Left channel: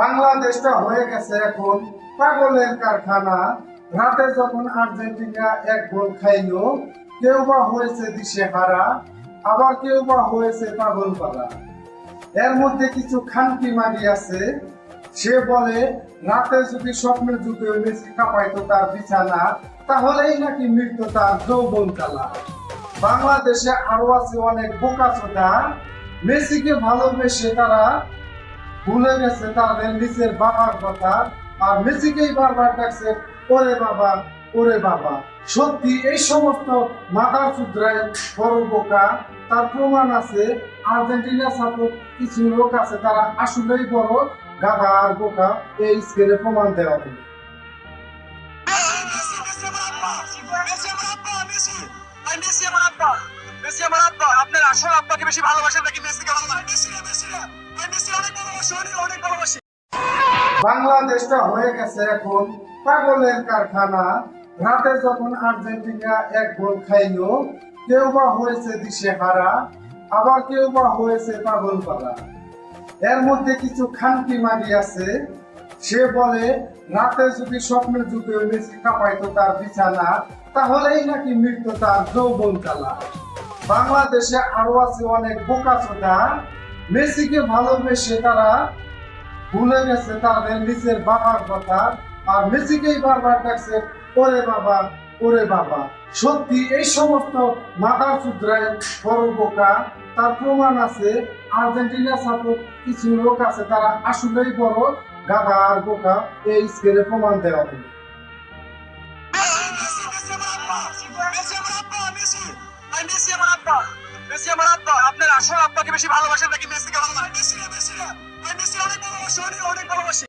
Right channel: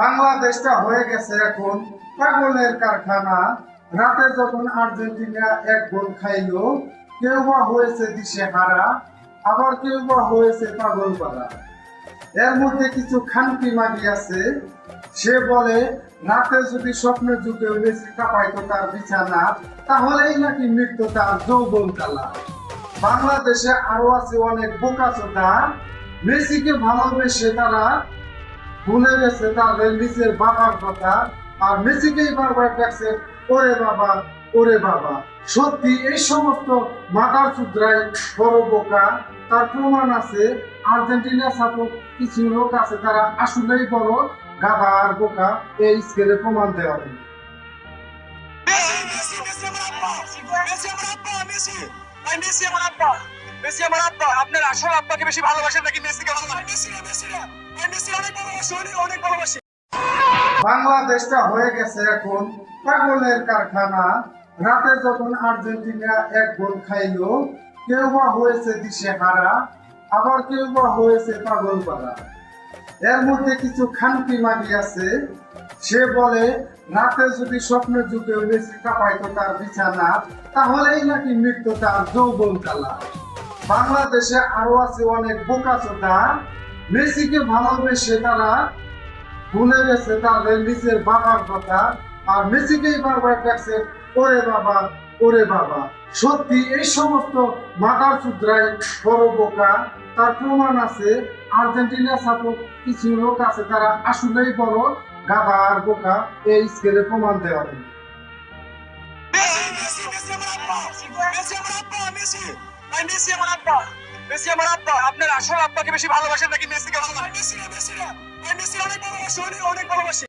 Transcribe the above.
বাংলাদেশটা হয়ে গেছে এখন পাগলের কারখানা। রাতে যখন আর্জেন্টিনা এক গোল খাইলো, কেউ বা হয়েছে দিশেহারা, আবার কেউ বা হয়েছে পাগল পাড়া। এর মধ্যে কিছু খানকি মাগি আছে, সে বলে রাতে যদি স্বপ্নের যুগে মেসি কাঁপাইতো তার বিছানা, তাহলেই নাকি মৃত্যু তার যৌবন কালা। বাংলাদেশে আরো আছে অনেক বোকাচোদা, মেসিকে ভালোবেসে তারা ভুলে গেছে তাদের নিজের বাবার কথা, আর মেসিকেই বারবার ডাকছে ওরে বাবা, ওরে বাবা। সত্যি এই সমস্ত মাথার চুদ্রায় বড় বোকা। তার প্রমাণ আছে, আর্জেন্টিনা সাপোর্ট কিছু লোক আছে তারা আসলেই বড় গাধা আর বোকা। এই স্কেলে প্রমাণ দেওয়া হবে। আপনার আসল আব্বাকে বেশি ভালোবাসেন নাকি মেসিকে ভালোবাসেন? অনেক ভালোবাসি। বাংলাদেশটা হয়ে গেছে এখন পাগলের কারখানা। রাতে যখন আর্জেন্টিনা এক গোল খাইলো, কেউ বা হয়েছে দিশেহারা, আবার কেউ বা হয়েছে পাগল পাড়া। এর মধ্যে কিছু খানকি মাগি আছে, সে বলে রাতে যদি স্বপ্নের যুগে মেসি কাঁপাইতো তার বিছানা, তাহলেই নাকি মৃত্যু তার যৌবন কালা। বাংলাদেশে আরো আছে অনেক বোকাচোদা, মেসিকে ভালোবেসে তারা ভুলে গেছে তাদের নিজের বাবার কথা, আর মেসিকেই বারবার ডাকছে ওরে বাবা, ওরে বাবা। সত্যি এই সমস্ত মাথার চুদ্রায় বড় বোকা। তার প্রমাণ আছে, আর্জেন্টিনা সাপোর্ট কিছু লোক আছে তারা আসলেই বড় গাধা আর বোকা। এই স্কেলে প্রমাণ দেওয়া হবে। আপনার আসল আব্বাকে বেশি ভালোবাসেন নাকি মেসিকে ভালোবাসেন? অনেক ভালোবাসি।